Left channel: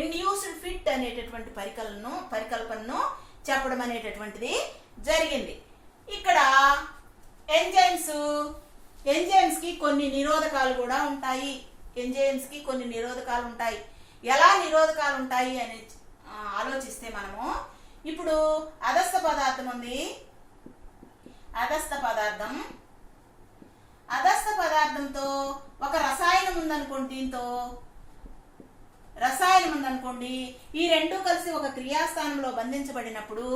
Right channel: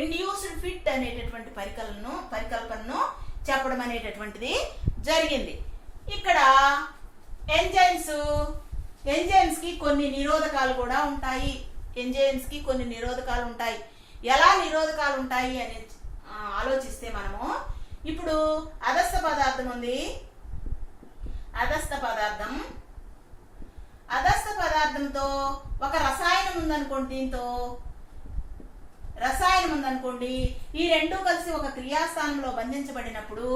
Induced fit అనేటటువంటి పరికల్పనను చెప్పడం అనేటటువంటిది జరిగింది. ఇక్కడ ఎంజైమ్స్ కి కొన్ని నిరోధకాలు కూడా ఉంటాయి. ఎంజైమ్స్ కి కొన్ని నిరోధకాలు ఉంటాయి. ఎలా నిరోధకాలు ఉంటాయి అని ఆలోచిస్తే మనము ఇప్పుడు అదస్థ పదార్థం ఉంది. అదస్థ పదార్థంతో ఒక రసాయనం ఉందనుకోండి. దీంతో రసాయనం ఉందనుకోండి, ఈ రెండు కలిసి ఒక క్రియాస్థానంలో బంధించబడినప్పుడు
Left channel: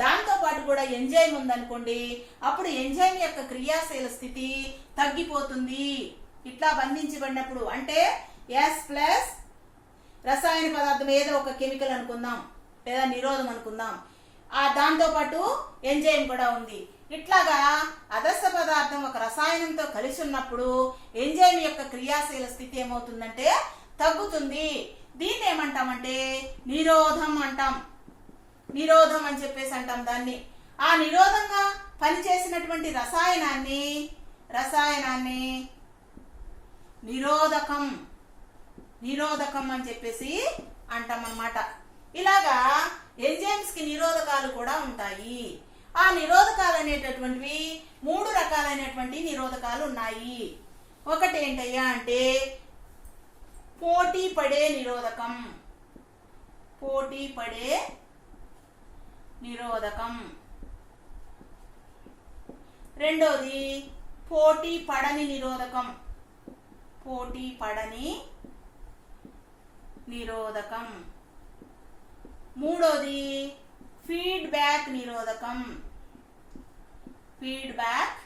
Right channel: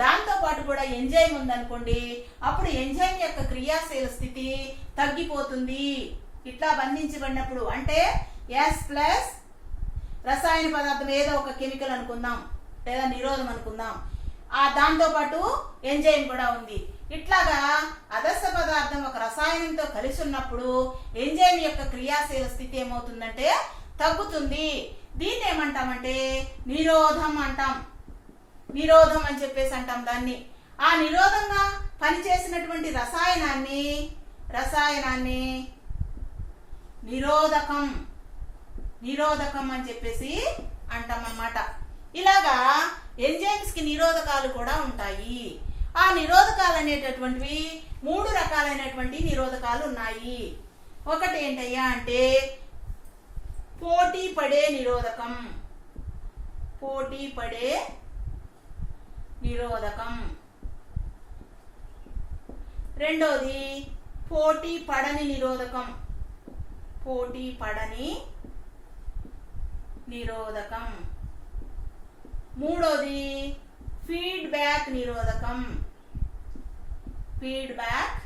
దాంతో పాటు కూడా ఎంజైమ్ ఉందనుకోండి, అప్పుడు ఎంజైమ్ యొక్క క్రియాశీల స్థితి తగ్గిపోతుంది. ఇట్లా బంధించబడినప్పుడు అంటే S ప్లస్ రసాయన పదార్థం ఏదో ఒక కెమికల్ అనుకుందాం లేదా నిరోధం అనుకుందాం, దాంతో పాటు ఎంజైమ్ కూడా ఉంది. ఇట్లాగా అదస్థ పదార్థం ఒక రసాయనంతో కలిసి ఉన్నప్పుడు ఎంజైమ్ యొక్క క్రియాశీల స్థితి ఏమవుతుందంటే తగ్గుతుంది. దీన్ని ఏమంటామంటే నిరోధం అంటాం. నిరోధం అని చెప్పేసి అంటాం దాన్ని. ఆ నిరోధంగా పనిచేసినటువంటి రసాయనాన్ని నిరోధకం అని చెప్పేసి అంటాం అన్నమాట. ఇలాగా ఎంజైమ్స్ కి నిరోధకాలు కూడా ఉంటాయి. ఆ నిరోధకాలు అనేటటువంటివి 3 రకాలైనటువంటి నిరోధకాలు ఉన్నాయి. ఒకటి ఏంటయ్యా అంటే పోటీ పడే నిరోధకం. రెండోది పోటీ పడని నిరోధకం. మూడోది ఫీడ్బ్యాక్ నిరోధకం. ఫీడ్బ్యాక్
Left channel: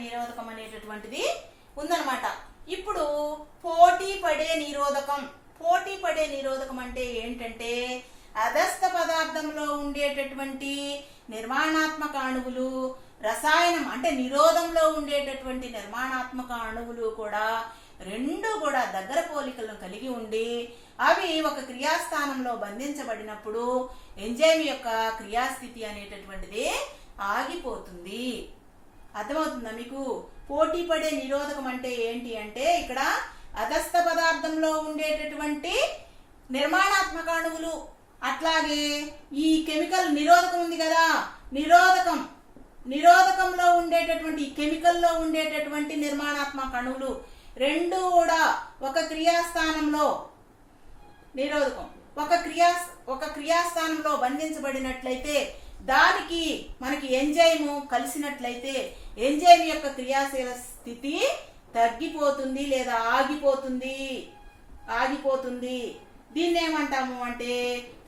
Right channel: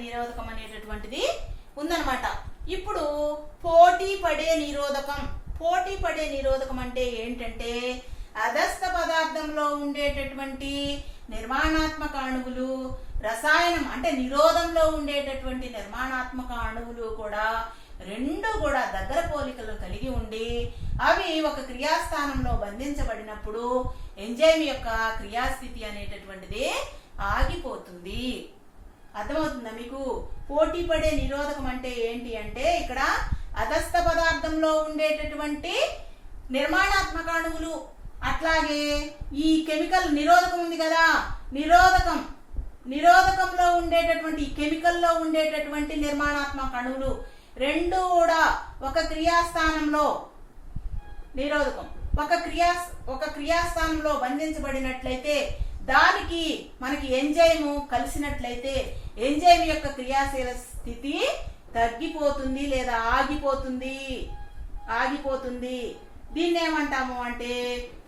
నిరోధకం అనేటటువంటిది ఉందన్నమాట. ఇప్పుడు పోటీ పడే నిరోధకం అంటే ఏంటంటే అదస్థ పదార్థంలో ఉండేటటువంటి నిర్మాణాత్మక అణువులు, రసాయనం అంటే నిరోధంలో ఉండేటటువంటి నిర్మాణాత్మక అణువులు కూడా రెండు కూడా దగ్గర పోలికలను కలిగి ఉండి అవి ఒక క్రియాస్థానంలో బంధించబడినప్పుడు ఎంజైమ్ యొక్క క్రియాస్థితి అనేటటువంటిది ఆగిపోతుంది. అర్థమవుతుందా మీకు? పోటీ పడే నిరోధకం అంటే ఏంటి అంటే ఇక్కడ అదస్థ పదార్థంలో ఉండేటటువంటి నిర్మాణాత్మక అణువులు, అట్లాగే ఈ కెమికల్ నిరోధకం ఉంది కదా, నిరోధకంలో ఉండేటటువంటి కెమికల్లో ఉండేటటువంటి నిర్మాణాత్మక అణువులు రెండు కూడా ఒక క్రియాస్థానంలో నిరోధకం ఒక క్రియాస్థానంలో బంధించబడినట్లయితే దానికి మనకి ఎంజైమ్ కలిసినట్లయితే ఎంజైమ్ యొక్క క్రియాశీల స్థితి తగ్గిపోతుంది లేదా ఆగిపోతుంది. దీన్ని ఏమంటాము అంటే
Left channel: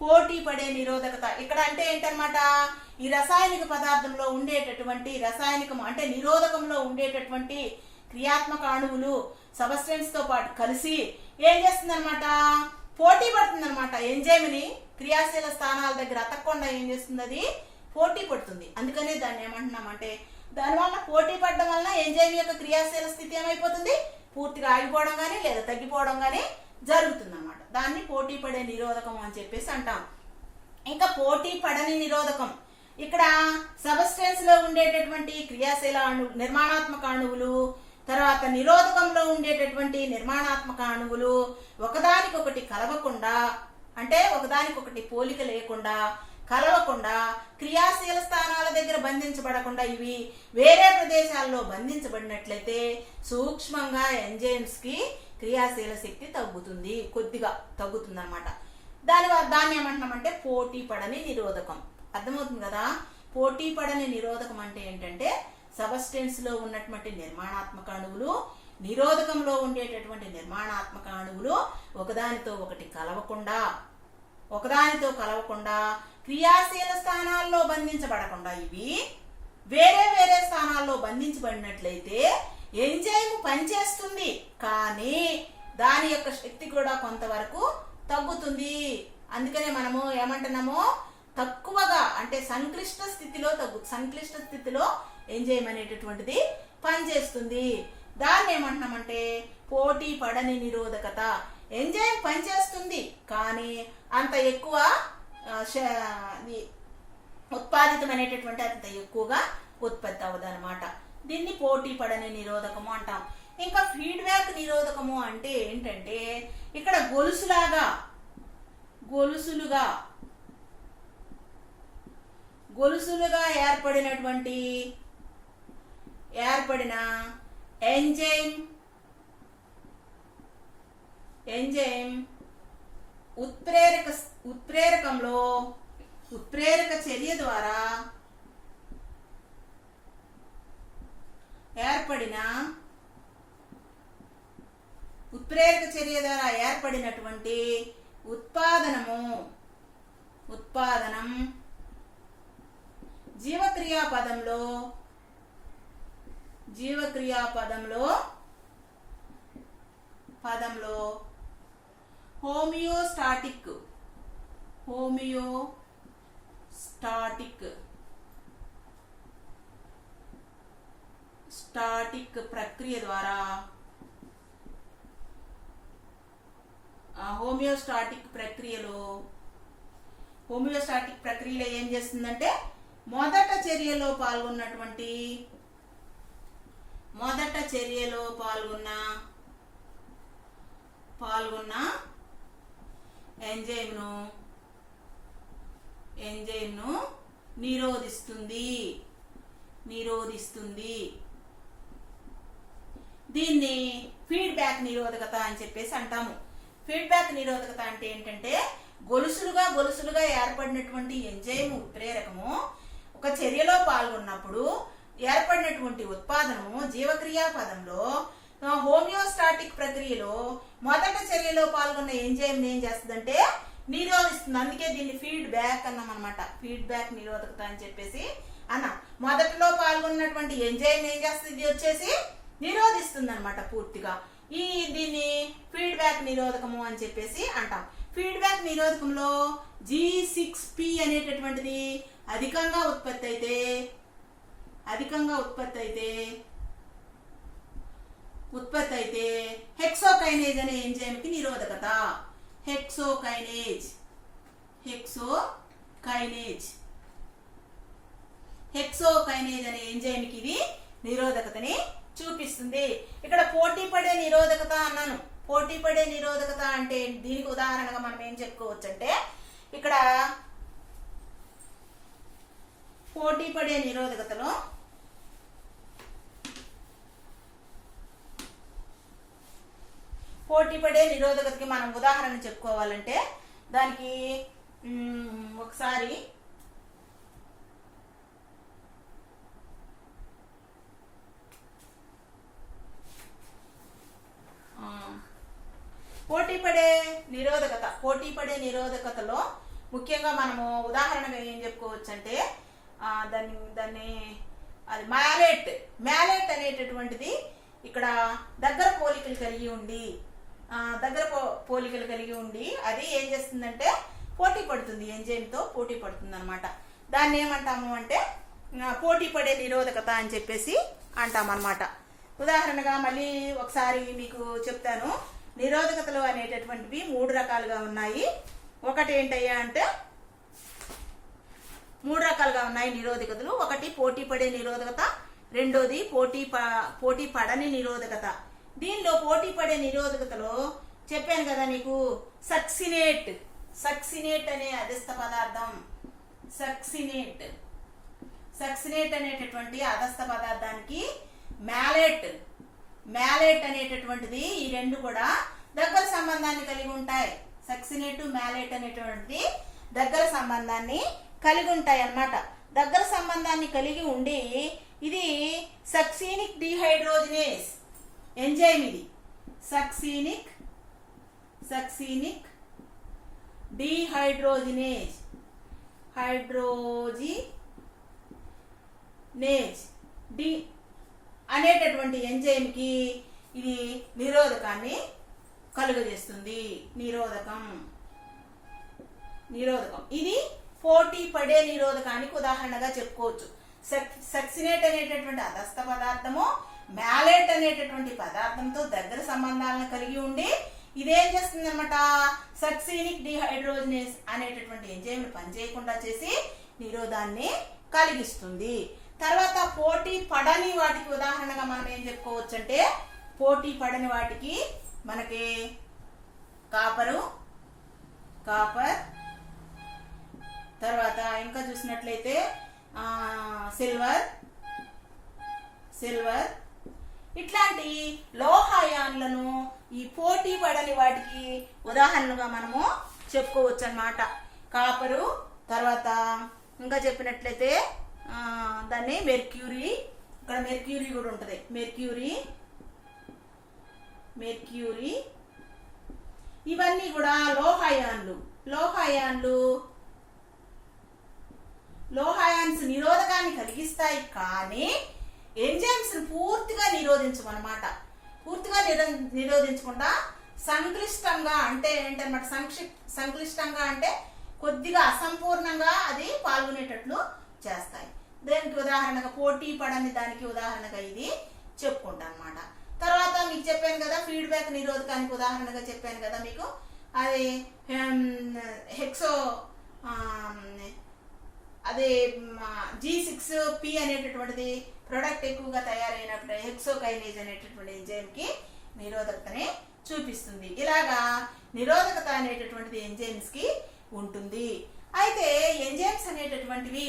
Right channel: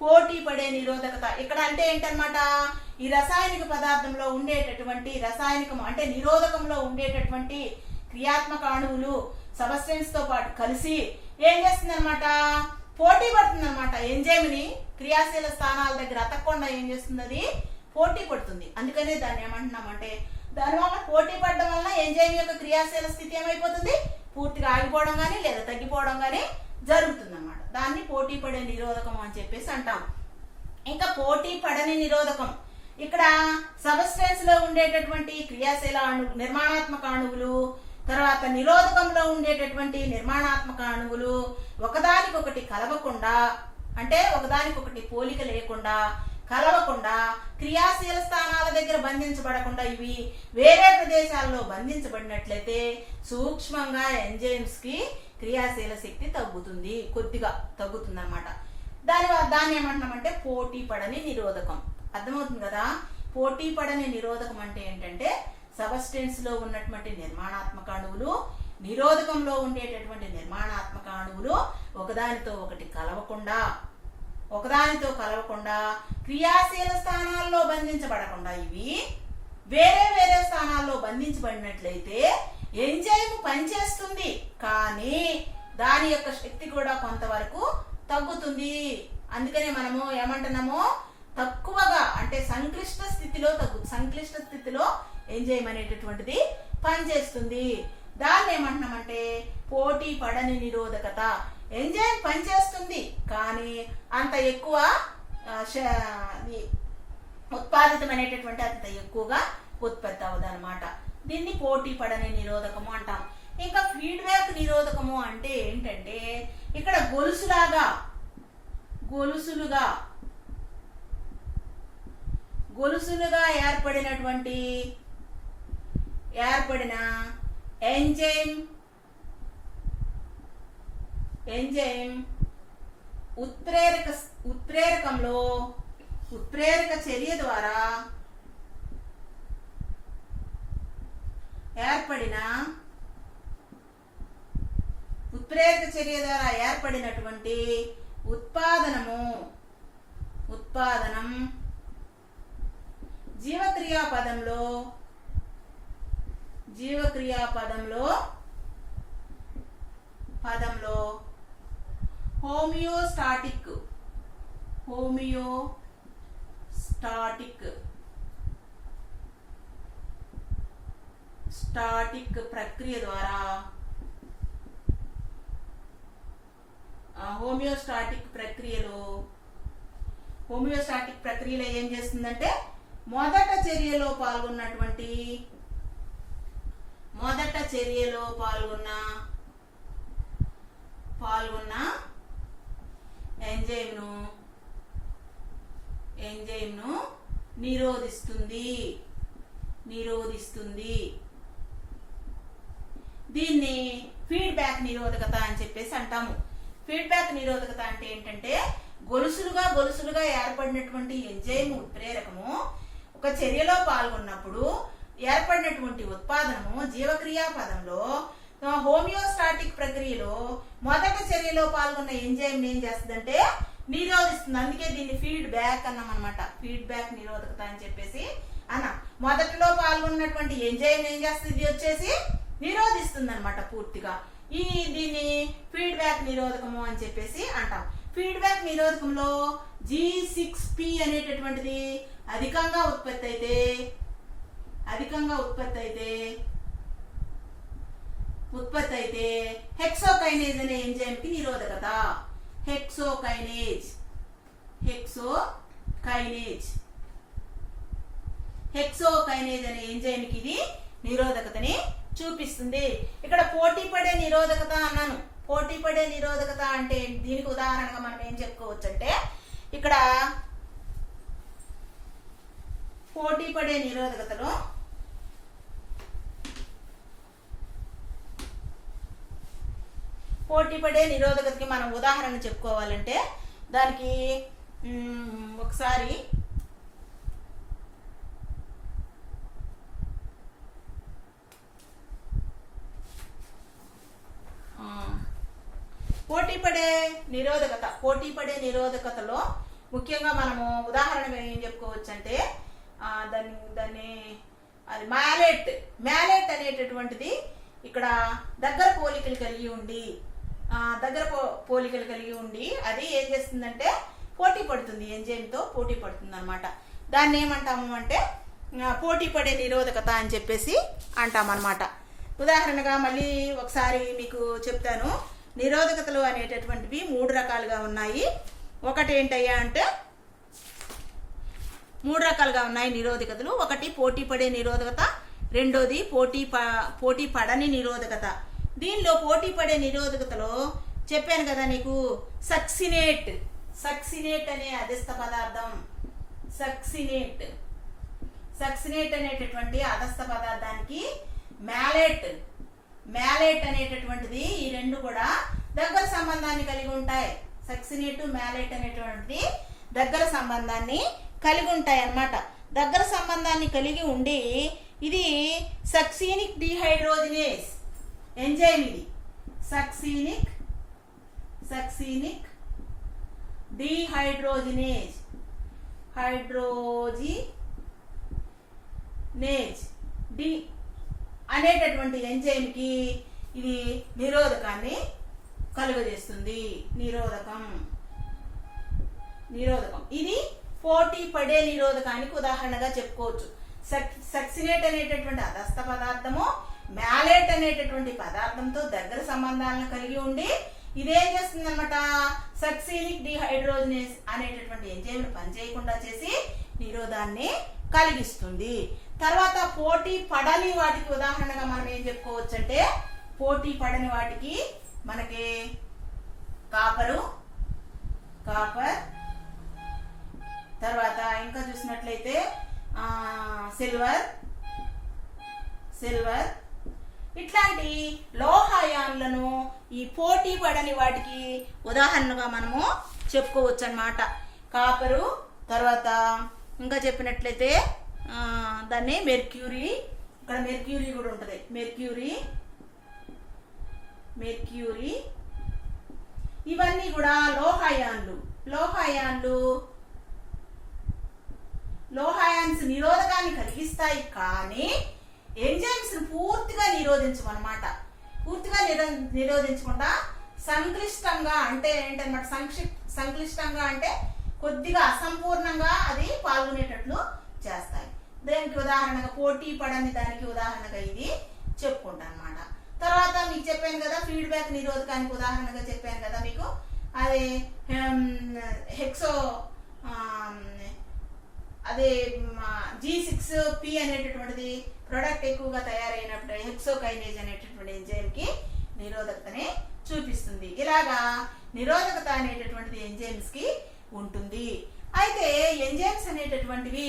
పోటీ పడే నిరోధకత. ఇక్కడ అంటే ఏంటన్నమాట, ఈ రసాయనిక పదార్థంలో ఉండేటటువంటి అంటే నిరోధకంలో ఉండేటటువంటి క్రియాత్మక అణువులు సబ్స్టెన్స్ తో పాటు కలిసి ఏం చేస్తుందన్నమాట, పోటీ పడుతుందన్నమాట. ఎంజైమ్ ని క్రియాశీల స్థానాల దగ్గర అతకకుండా ఏం చేస్తుంది, అది పోటీ పడుతుంది. అందుకనే దాన్ని ఏమంటున్నామంటే దానివల్ల పోటీ పడడం వల్ల ఎంజైమ్ యొక్క క్రియాశీల స్థితి ఏమైపోతుంది, పూర్తిగా ఆగిపోవడం కానీ లేదా తగ్గిపోవడం కానీ జరుగుతుంది అన్నమాట. దాన్ని పోటీ పడే నిరోధకం అని చెప్పేసి అంటాం. ఇంకా పోటీ పడని నిరోధకం, ఇక్కడ సబ్స్టెన్స్ లో ఉండేటటువంటి క్రియాశీల నిర్మాణాత్మక అణువులు, తర్వాత నిరోధకంలో ఉండేటటువంటి నిర్మాణాత్మక అణువులు ఒకదానికొకటి కలవకుండా, అంటే ఒకదానికొకటి పోలిక లేకుండా కలవకుండా క్రియాశీల స్థానాల దగ్గర బంధించబడకుండా ఇవి వేరే ప్రదేశాల్లో బంధించబడినట్లయితే సూక్ష్మంగా ఎంజైమ్స్ కి క్రియాశీల శక్తి తగ్గుతుంది, కొద్దిగా తగ్గుతుంది అన్నమాట. దాన్ని ఏమంటున్నామంటే పోటీ పడని నిరోధకం. అర్థమవుతుంది కదా? పోటీ పడని నిరోధకం అంటే ఏంటంటే సబ్స్టెన్స్ లో ఉన్నటువంటి నిర్మాణాత్మక అణువులు, నిరోధకంలో ఉండేటటువంటి నిర్మాణాత్మక అణువులు ఒకదానితో కలవకుండా క్రియాశీల స్థానాల్లో బంధించబడకుండా ఇవి వేరే వేరే స్థానాల్లో బంధించబడినట్లయితే ఎంజైమ్ పనిచేస్తుంది, కానీ దాని యొక్క శక్తి కూడా కొంతవరకు తగ్గుతుంది. అందుకనే మనము ఏమంటున్నామో తక్కువగా అంటే సంక్లిష్ట స్థితిలో ఎంజైమ్ అనేటటువంటిది పనిచేస్తుంది. దాన్ని ఏమంటున్నామంటే పోటీ పడని నిరోధకత. ఎంజైమ్ పనిచేస్తుంది కానీ అంత ఎక్కువ ఉత్పాదితమైనటువంటి అంత ఎక్కువగా ఉత్పత్తి అవ్వదు అనమాట. దీన్ని పోటీ పడని నిరోధకము అంటాం. ఇంకా ఫీడ్బ్యాక్ నిరోధకము అంటే ఏంటంటే ఇక్కడ గొలుసులుగా ఏర్పడిన ఎంజైమ్ ఉత్ప్రేరక చర్య ద్వారా ఏర్పడినటువంటి ఉత్పాదనం జీవక్రియా పదంలో హోమియోస్టాటిక్ ప్రక్రియ ద్వారా హోమియోస్టాటిక్ ప్రక్రియలో ఏం చేస్తుందంటే మొదట చర్యలో పాల్గొన్న ఎంజైమ్ ను నిరోధిస్తుంది. దీన్ని ఫీడ్బ్యాక్ నిరోధకత అని చెప్పేసి అంటాము. ఫీడ్బ్యాక్ నిరోధకత అంటే ఏంటంటే గొలుసులుగా ఏర్పడినటువంటి ఎంజైమ్ ఉత్ప్రేరకము ఒక చర్యలో పాల్గొన్నప్పుడు ఏర్పడినటువంటి ఉత్పాదనము జీవక్రియా పదంలో హోమియోస్టాటిక్ ప్రక్రియలో మొదట చర్యలో పాల్గొన్న ఎంజైమ్ ఏం చేస్తుందంటే నిరోధిస్తుంది. అందుకే దీన్ని ఫీడ్బ్యాక్ అన్నాం అనమాట. ఫీడ్బ్యాక్ నిరోధకత అని చెప్పేసి అన్నాం. మొదటిలో పాల్గొన్నటువంటి ఎంజైమ్ ఏం చేస్తుంది, ఇది వచ్చేసి నిరోధిస్తుంది అనమాట పూర్తిగా. దీన్ని ఫీడ్బ్యాక్ నిరోధకము అని చెప్పేసి అంటాం. ఫీడ్బ్యాక్ నిరోధకంలో G6P అనేటటువంటిది అధికంగా ఉత్పత్తి అయితే హెక్సోకైనేజ్ అనే ఎంజైమ్ కి నిరోధకత. హెక్సోకైనేజ్ అనే ఎంజైమ్ కి ఇది నిరోధకతని చూపిస్తుంది. ఇక్కడ పోటీ పడే నిరోధకత అన్నాను. పోటీ పడే నిరోధకత అంటే దీనికి ఉదాహరణగా మనం ఏం చెప్పుకోవచ్చు అంటే ఇక్కడ పోటీ పడే నిరోధకతకి మనం ఉదాహరణ చెప్పుకోవాలంటే దానికి ఒకసారి పోటీ పడే నిరోధకతలో ముఖ్యంగా మనము ఉదాహరణగా ఏం చెప్పుకోవచ్చు అంటే దాన్ని అది మ్యాలెట్ అనేటటువంటిది ఇక్కడ దగ్గర పోలికలు కలిగి ఉండి అది ఏం చేస్తుందంటే పోటీ పడుతుంది, ఎంజైమ్తో పోటీ పడుతుంది అనమాట. దాన్ని ఏమంటాము అంటే పోటీ పడే నిరోధకత అని చెప్పేసి అంటామన్నమాట. ఉదాహరణగా మళ్ళీ ఒకసారి మీకు చెప్తాను. నిరోధకతలు అనేటటువంటివి 3 రకాలుగా ఉన్నాయి. ఒకటి ఏంటయ్యా అంటే 3 రకాలుగా ఉన్నాయి నిరోధకతలు. ఒకటి పోటీ పడే నిరోధకత, రెండోది పోటీ పడని నిరోధకత. దీనిలో పోటీ పడే నిరోధకతలో చెప్పాను కదా నీకు, సక్సినేట్ అనే అదస్థ పదార్థం, సక్సినేట్ అనేటటువంటి అదస్థ పదార్థానికి మ్యాలెట్ అనేటటువంటిది, ఈ రెండు కూడా దగ్గర సంబంధాన్ని కలిగి ఉంటాయి. సక్సినేట్ మ్యాలెట్ అనేటువంటిది దగ్గర సంబంధాన్ని కలిగి ఉంటాయి అన్నమాట. దగ్గర సంబంధాన్ని కలిగి ఉండి ఇది సక్సీనిక్ డిహైడ్రోజినేస్ ఎంజైమ్. ఇది సక్సీనిక్ డిహైడ్రోజినేజ్ డి అనేటటువంటి ఎంజైమ్ కి ఇది నిరోధకాన్ని కలుగజేస్తుంది. నిరోధకం ఇది పోటీ పడే నిరోధకానికి ఉదాహరణగా చెప్పుకోవచ్చు. సక్సినేట్ అనేటటువంటి అదస్థ పదార్థము మ్యాలెట్ అనేటటువంటి పదార్థంతో దగ్గర సంబంధాలను కలిగి ఉండి ఇదేం చేస్తుంది అనమాట, సక్సీనిక్ డిహైడ్రోజినేస్ అనేటటువంటి ఎంజైమ్ పనిచేయకుండా చేసి నిరోధాన్ని కలిగిస్తుంది. తర్వాత పోటీ పడని వాటికి ఉదాహరణగా మనం ఏం చెప్పుకోవచ్చు అంటే పోటీ పడని వాటికి మనకి కాపర్, తర్వాత ఇంకా చూసినట్లయితే సిల్వర్ ఇట్లాంటి లోహాయాన్లను ఈ పోటీ పడని వాటికి ఉదాహరణగా మనము చెప్పుకోవచ్చు అన్నమాట. కాపరు, తర్వాత ఇంకా చెప్పినట్లయితే దాన్ని మెర్క్యూరీ, ఇక్కడ మెర్క్యూరీ కూడా ఉంటుంది. మెర్క్యూరీ ఇవన్నీ కూడా లోహాయాన్స్ నిరోధకాన్ని కలిగిస్తాయి, కానీ ఎంజైమ్స్ పూర్తిగా నిరోధించమన్నమాట. పూర్తిగా నిరోధించకుండా సంక్లిష్టంగా అంటే ఏంటన్నమాట, సంక్లిష్టంగా అంటే కొద్దిగా అసంపూర్ణంగా అది పాల్గొనేటట్లు చేస్తాయి. దానికి ఉదాహరణగా పోటీ పడని దానికి ఉదాహరణగా ఇది చెప్పుకుంటా అనమాట. తర్వాత మీకు చెప్పాను కదా ఫీడ్బ్యాక్ నిరోధకానికి ఉదాహరణగా చెప్పాను కదా మీకు, అది G6P అనేటటువంటిది ప్రొడక్ట్ ఎక్కువగా తయారైనప్పుడు హెక్సోకైనేజ్ అనేటటువంటి ఎంజైమ్ కి నిరోధకతని చూపిస్తుంది. ఇలాగా నిరోధకత అనేటటువంటిది ఎంజైమ్స్ కి ఉంటుంది. అయితే ఎంజైమ్స్ అనేటటువంటివి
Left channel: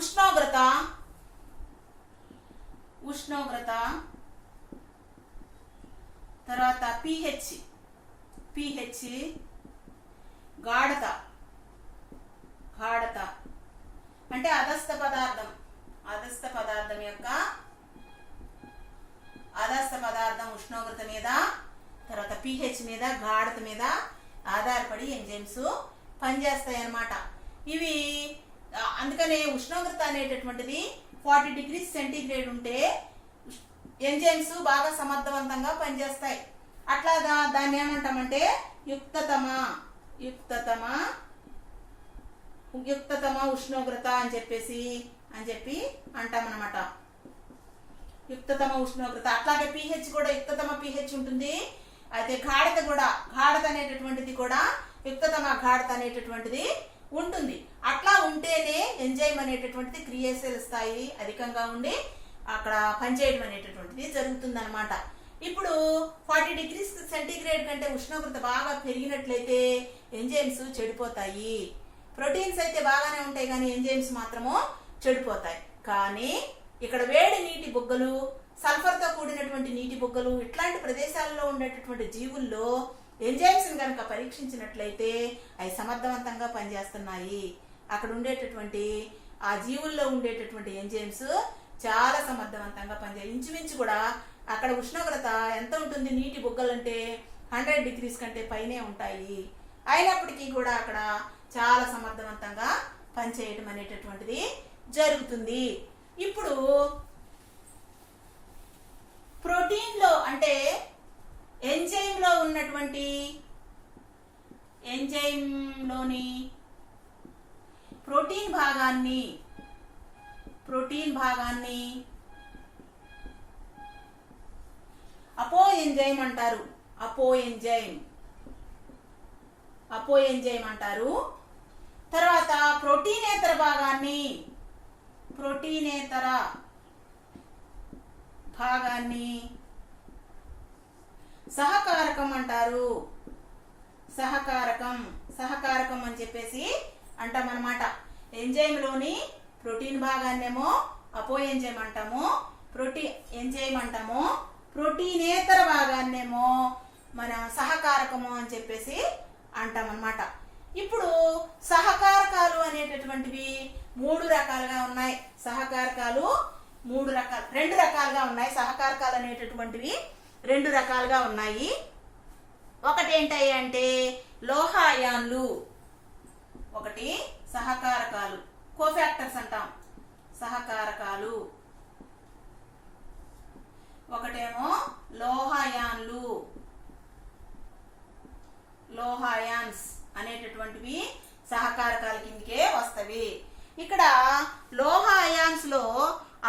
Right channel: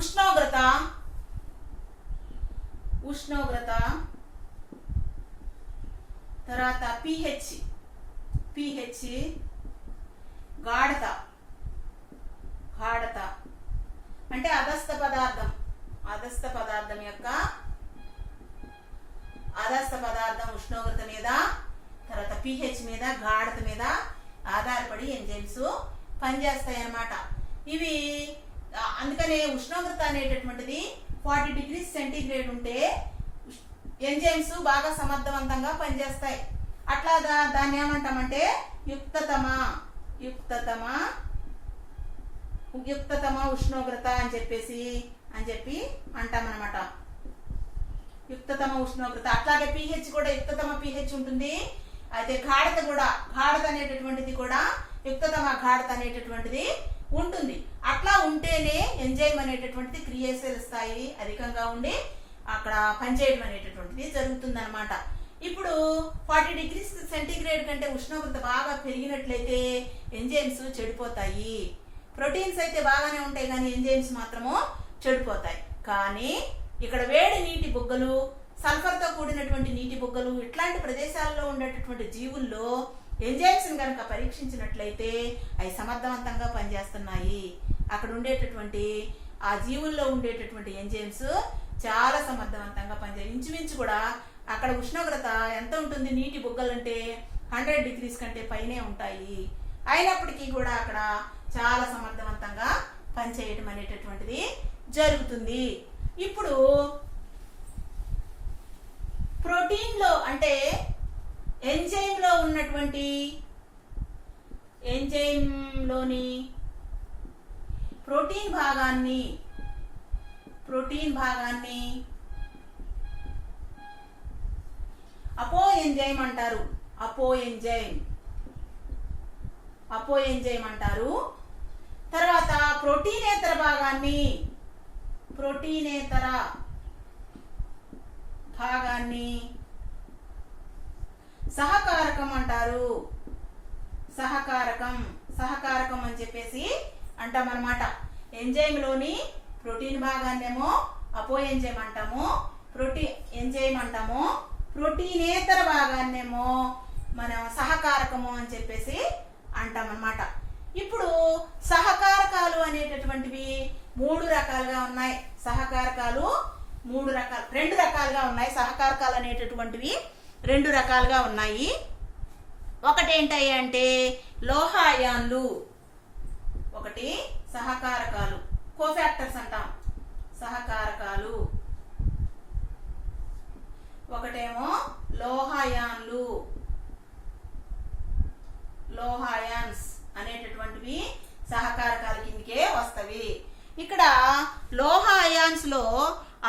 ఉష్ణోగ్రత తర్వాత pH గాఢత అంటే అదస్థ పదార్థం ఉష్ణోగ్రత మీద, తర్వాత pH మీద, గాఢత మీద ఆధారపడి ఎంజైమ్స్ పనిచేస్తాయి అన్నమాట. ఇవి అందుకనే ఉష్ణోగ్రత అనేటటువంటిది 40 degrees సెంటీగ్రేడ్ ఉంటే ఎంజైమ్స్ బాగా సమర్థవంతంగా పనిచేస్తాయి. అట్లాగా దాన్ని ఏమంటామంటే యుక్తతమ ఉష్ణోగ్రత అని చెప్పి అంటామన్నమాట. యుక్తతమ ఉష్ణోగ్రత. అట్లాగే pH కూడా యుక్తతమ pH ఉంటుంది. అయితే గాఢత అనేటటువంటిది కూడా యుక్తతమ గాఢత అనేటటువంటిది ఉంటుంది. అట్లా ఉంటేనే ఎంజైమ్ అనేటటువంటిది క్రియాశీల స్థాయి అధికంగా ఉండి అక్కడ పనిచేయడం అనేటటువంటిది జరుగుతుందన్నమాట. ఇప్పుడు 40 degrees సెంటీగ్రేడ్ కంటే ఉష్ణోగ్రత బాగా పెరిగినట్లయితే ఎంజైమ్స్ చెడిపోతాయి. ప్రోటీన్స్ అయితే బాగానే ఉంటాయి కానీ ఎంజైమ్స్ మాత్రము చెడిపోతాయి. కానీ ఇక్కడ వేడి నీటి బుగ్గలు, సల్ఫర్తో కూడినటువంటి నీటి బుగ్గలు ఇట్లాంటి ప్రదేశాల్లో ఉండేటటువంటి జీవుల్లో ఎంజైమ్స్ కనుక పరీక్షించినట్లయితే అవి సమర్థవంతంగా పనిచేస్తున్నాయి. అక్కడ ఉండేటటువంటి ఆ జీవుల్లో ఉండేటటువంటి ఎంజైమ్స్ చాలా సమర్థవంతంగా పనిచేయాలి. ఇంచుమించు కూడా అక్కడ ఉష్ణోగ్రత ఎంత ఉంటుంది, నీటి బుగ్గలంటే 100 degrees కంటే పైనే ఉంటాయి. అయినప్పటికీ కూడా అక్కడ చాలా సమర్థవంతంగా పనిచేయడం అనేటటువంటిది జరుగుతుంది. ఇప్పుడు ప్రోటీన్లో అంటే ఎంజైమ్లో ఉన్నటువంటి ఎంజైమ్లోని ప్రోటీన్ భాగాన్ని అపో ఎంజైమ్ అంటారు. అపో ఎంజైమ్ అంటారు. తర్వాత ప్రోటీనేతర భాగాన్ని సహకారకం అంటారు. సహకారకం అని చెప్పేసి అంటామన్నమాట. ఎంజైమ్లోని ప్రోటీన్ భాగాన్నేమో అపో ఎంజైమ్ అంటాము, ప్రోటీనేతర భాగాన్నేమో మనం సహకారకము అని చెప్పేసి అంటామన్నమాట. ఇప్పుడు సహకారకాలు అనేటటువంటివి 3 రకాలుగా ఉన్నాయి. రెండు రకాలుగా ఉన్నాయి. సహకారకాలు అనేటటువంటివి 2 రకాలుగా ఉన్నాయి. ఒకటి ఏంటి అంటే లోహాయాన్లు, ఒకటి సహకారకాలు, కోఫాక్టర్స్ అంటాం సహకారకాలు. ఒకటేమో లోహాయాన్స్ అనేటటువంటివి సహకారకాల కిందకే వస్తవి. ఇక్కడ లోహాయాన్స్ లో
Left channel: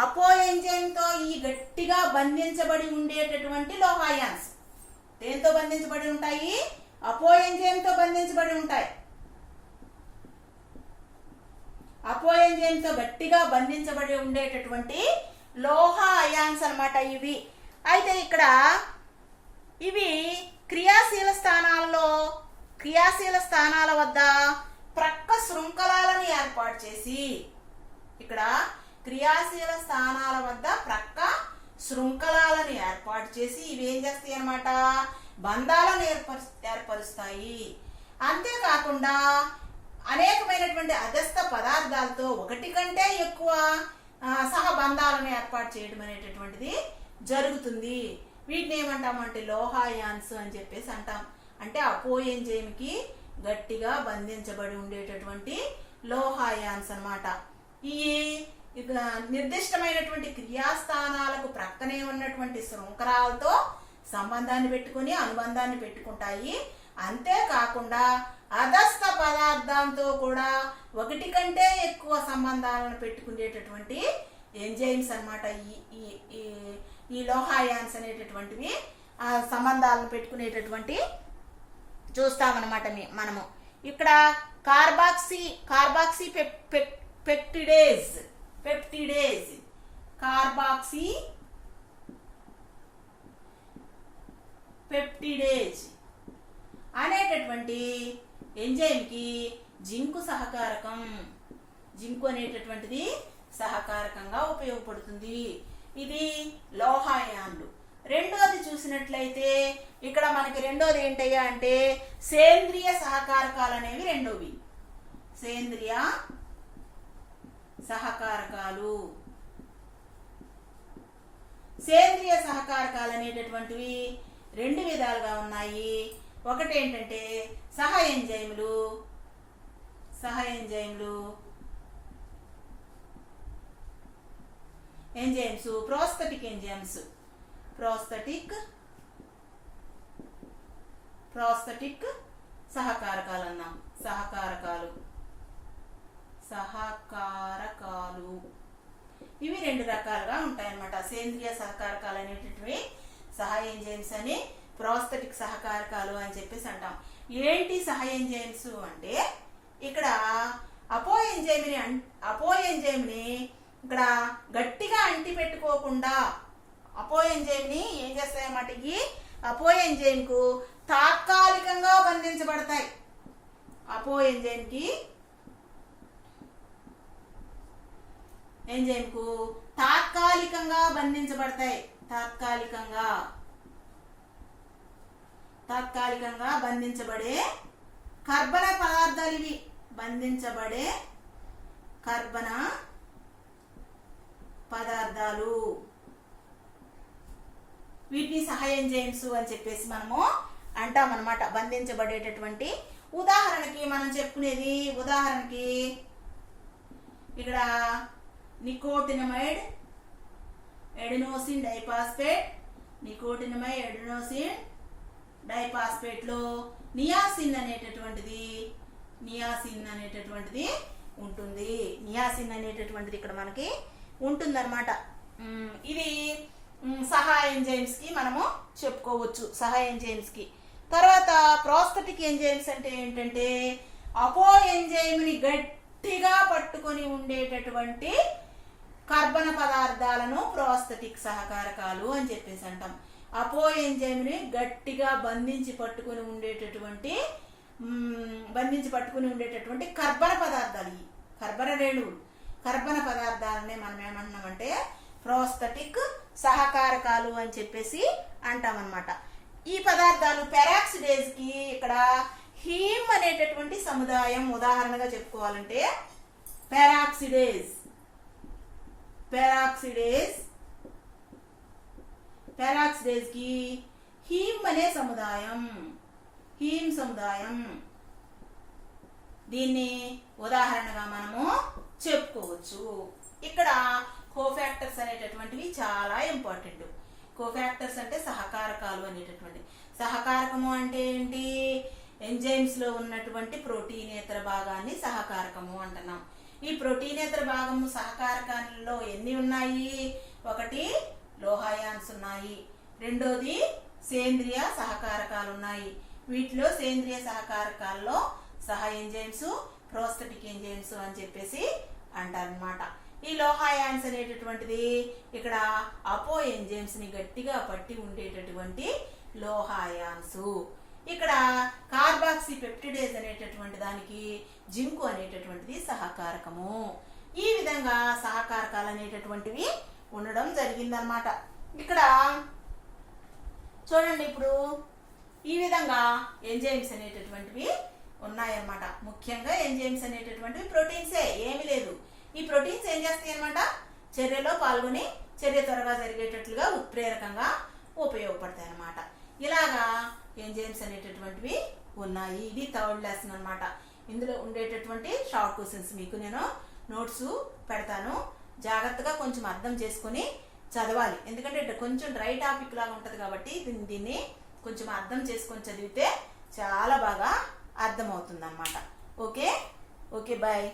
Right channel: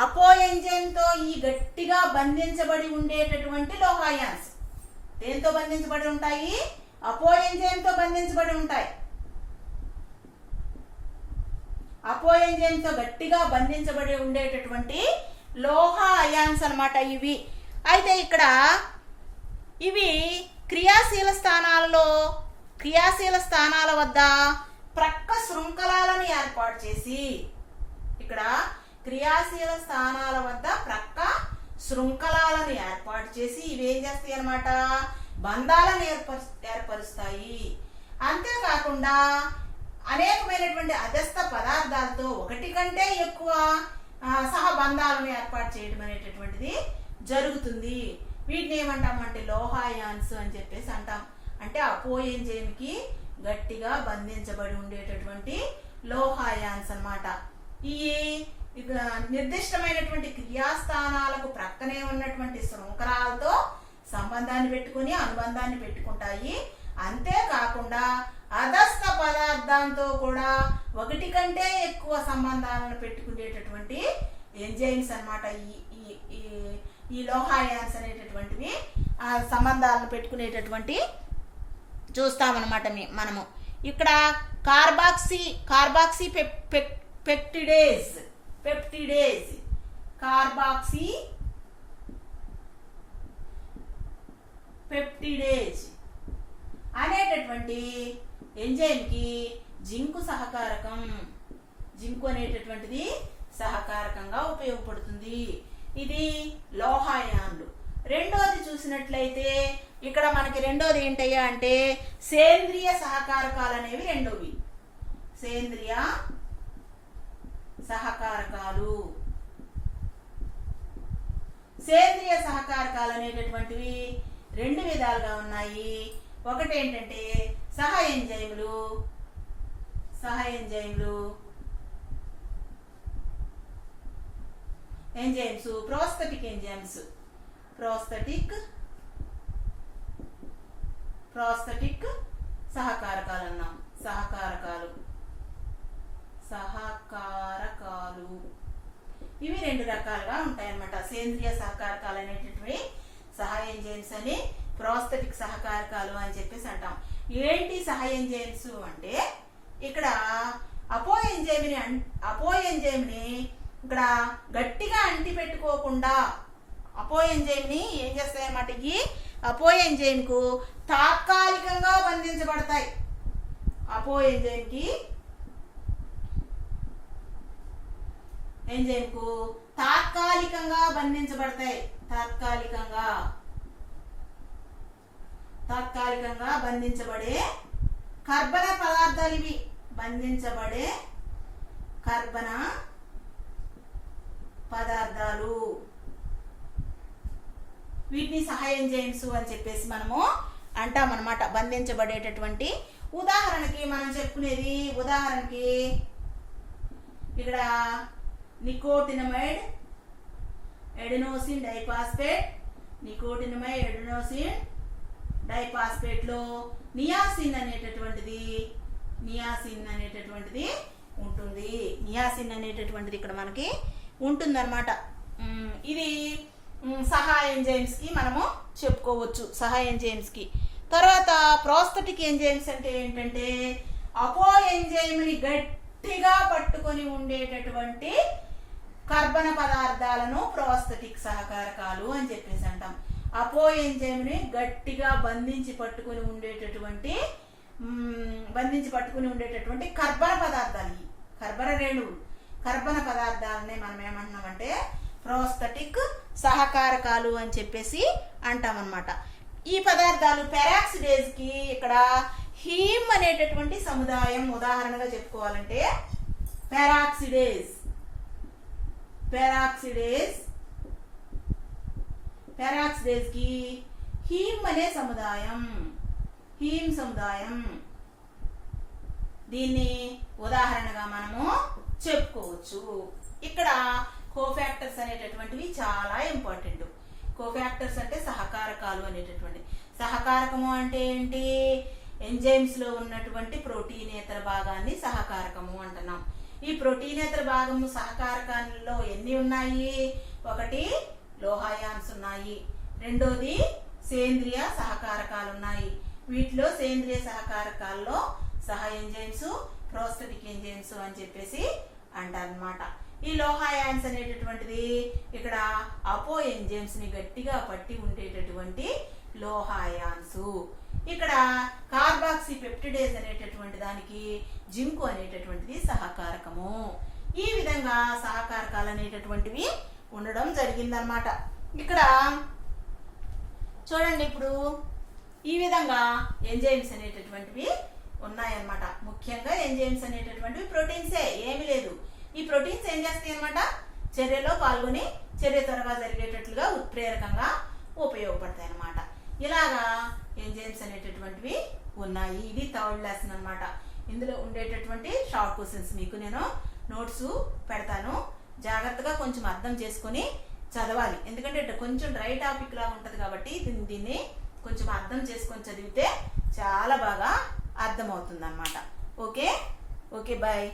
అపో ఎంజైమ్ తో ఈ గట్టిగా బంధించబడి ఉండేటటువంటి లోహాయాన్స్ దేంతో బంధించబడి ఉంటాయి? అపో ఎంజైమ్ తో బంధించబడి ఉంటాయి. అపో ఎంజైమ్ తో గట్టిగా బంధించబడి ఉండేటటువంటి లోహ అయాన్స్ అన్నమాట ఇవి. అయితే ఇక్కడ ఇవి క్రియాశీల స్థానాల వద్ద ప్రక్క శృంఖలాలను ఏర్పాటు చేసి, ఇక్కడ క్రియాశీల స్థానాల వద్ద ప్రక్క శృంఖలాలను ఏర్పాటు చేసి ఇవి ఏం చేస్తాయి అన్నమాట, బంధాలను ఏర్పరుస్తాయి. అంతేకాకుండా అనేకమైనటువంటి అధస్థ పదార్థాలతో ఒకటి కంటే ఎక్కువ సహబంధాలను ఏర్పాటు చేయడం అనేటటువంటిది జరుగుతుంది. వీటిని ఏమంటామంటే లోహాయాన్స్ అని చెప్పేసి అంటాం. అంటే అపో ఎంజైమ్కి గట్టిగా బంధించబడి ఉండేటటువంటి లోహాయాన్స్ అన్నమాట. ఈ నిర్దిష్టమైనటువంటి క్రియాస్థానాలకు ప్రక్కనే ఉన్నటువంటి శృంఖలాలతో సంబంధాన్ని పెట్టుకుని అనుబంధాన్ని పెట్టుకుంటాయి. అంతేకాకుండా అధస్థ పదార్థంతో కూడా ఒకటి కంటే ఎక్కువ సంబంధాలను పెట్టుకునేటటువంటి ఎంజైమ్స్ అన్నమాట. ఈ లోహాయాన్స్ అనేటటువంటివి ఆ సంబంధాలను పెట్టుకునేటటువంటి చూస్తామన్నమాట మనము. ఇక్కడ కార్బాక్సీ పెప్టిడేజ్ కార్బాక్సీ పెప్టిడేజ్ అనేటటువంటి ఎంజైమ్కి జింకు అనేటటువంటిది సహకారకంగా ఉపయోగపడుతుంది. ఇది లోహాయాన్లు. రెండోది చూసినట్లయితే ఇక్కడ మనకి రెండోది ఏంటయ్యా అంటే సేంద్రియ సహకారకాలు అనేవి రెండోవి. సేంద్రియ సహకారకాలు అనేటటువంటివి రెండు విధాలుగా ఉన్నాయి. ఒకటి ఏంటంటే సహ ఎంజైములు ప్రోస్తటిక్ సహకారకాలు అన్నాం. సహకారకాలు ఇవి రెండు రకాలుగా ఉంటాయన్నమాట. సేంద్రియ సహకారకాలు అనేటటువంటి సహ ఎంజైమ్స్ అని, ప్రోస్తటిక్ సహకారకాలు అని చెప్పేసి అంటాం. ఏంటి సహ ఎంజైమ్స్ అంటే ఇక్కడ అపో ఎంజైమ్ని ఇక్కడ గట్టిగా అంటి పెట్టుకోకుండా అపో ఎంజైమ్ని ఏం చేస్తాయన్నమాట, ఈ అపో ఎంజైమ్కు తాత్కాలికంగా బంధించబడతాయి. అపో ఎంజైమ్కు తాత్కాలికంగా బంధించబడతాయి. తాత్కాలికంగా బంధించబడే కర్బన పదార్థాలు ఇవి. బంధించబడే కర్బన పదార్థాలు వీటిని సహ ఎంజైమ్స్ అని చెప్పేసి మనము అంటాం అన్నమాట. బంధించబడేటటువంటి ఉదాహరణకి మనం చెప్పుకునేది, ఉదాహరణకి ఇక్కడ నికోటినమైడ్ ఎడినోసిన్ డైపాస్పేట్ లో నియాసిన్ అనేటటువంటిది ఉంటుంది. నియాసిన్ అనేటటువంటిది ఇక్కడ మనకి ఉంటుందన్నమాట. ఇది సహా ఎంజైమ్స్ కి మనము చెప్పుకోవచ్చు. సహా ఎంజైమ్స్ కి తర్వాత ప్రోస్తటిక్ ఎంజైమ్స్ అంటే ఏంటంటే అపో ఎంజైమ్ని గట్టిగా పట్టుకొని ఉండేటటువంటి కర్బన పదార్థాలను ప్రోస్తటిక్ సహకారకాలు అని చెప్పేసి అంటాం. అపో ఎంజైమ్ని గట్టిగా బంధించి పట్టుకొని ఉండేటటువంటి కర్బన పదార్థాలు, కర్బన రేణువులు, కర్బన పదార్థాలనే మనం ఏమంటున్నామంటే ప్రోస్తటిక్ సహకారకాలు అని చెప్పేసి అంటామన్నమాట. ఈ పదార్థాలు పెరాక్సిడేజ్ కి ఇక్కడ హీమ్ అనేటటువంటి సముదాయం ఉదాహరణగా చెప్పుకోవాలంటే పెరాక్సిడేజ్ కి హీమ్ అనే సముదాయం దీన్ని ఉదాహరణగా మనము చెప్పుకోవచ్చు. ఇక్కడ కోఫాక్టర్స్ అనేటటువంటివి చాలా ఇంపార్టెంట్. కోఫాక్టర్స్ అంటే సహకారకాలు అనేటటువంటి. సహకారకము అంటే ఏంటి? ఎంజైమ్స్ లో ఉన్నటువంటి ప్రోటీనేతర భాగాన్ని సహకారకము అంటున్నాం. ఈ ప్రోటీనేతర భాగము సహకారకాలలో ఎన్ని ఉన్నాయి? ఒకటి లోహాయాన్స్ ఉన్నాయి, రెండోది సేంద్రియ సహకారకాలు ఉన్నాయి. వీటిలో సేంద్రియ సహకారకాలలో సహ ఎంజైమ్స్, ప్రోస్తటిక్ ఎంజైమ్స్ అని చెప్పేసి అంటారనమాట. ఈ లోహాయాన్స్ అనేటటువంటిది ఇక్కడ అపో ఎంజైమ్స్ ని గట్టిగా పట్టి ఉండేటటువంటి లోహాయాన్స్. ఇక్కడ కార్బాక్సీ పెప్టిడేజ్ అనేటటువంటి దానికి జింకు అనేటటువంటిది సహకారకము. ఈ విధంగా సహకారకాలు అనేటటువంటివి ఉండడం జరిగిందనమాట. ఇక్కడ చూడండి, ఇప్పుడు ఈ విధంగా ఎంజైమ్స్ అనేటటువంటివి ఉన్నాయన్నమాట. ముఖ్యంగా ఎంజైమ్స్ అనేటటువంటివి ప్రోటీన్సే, ఏమీ లేదు. ఈ ప్రోటీన్స్ ఏం చేస్తాయి అనమాట, చర్యలో పాల్గొని చర్య త్వరగా జరిగేటట్లుగా ఉత్ప్రేరకంగా ఉపయోగపడతాయి అన్నమాట. ఇలాగా ఎంజైమ్స్ అనేటటువంటివి ఉన్నాయి. ఇది థర్డ్ లెసన్ అనమాట. ఇందులో ఉండేటటువంటి షార్ట్ క్వశ్చన్స్ మీకు నేను నోట్స్ పెడతాను. జాగ్రత్తగా కొంచెం అర్థం చేసుకొని చదవాలి. ఎందుకంటే కొంచెం డ్రై టాపిక్ లాగా ఉంటది కాబట్టి దీన్ని కొంచెం అర్థం చేసుకొని చదివితే చాలా బాగా అర్థమవుతుంది అన్నమాట. Okay, bye.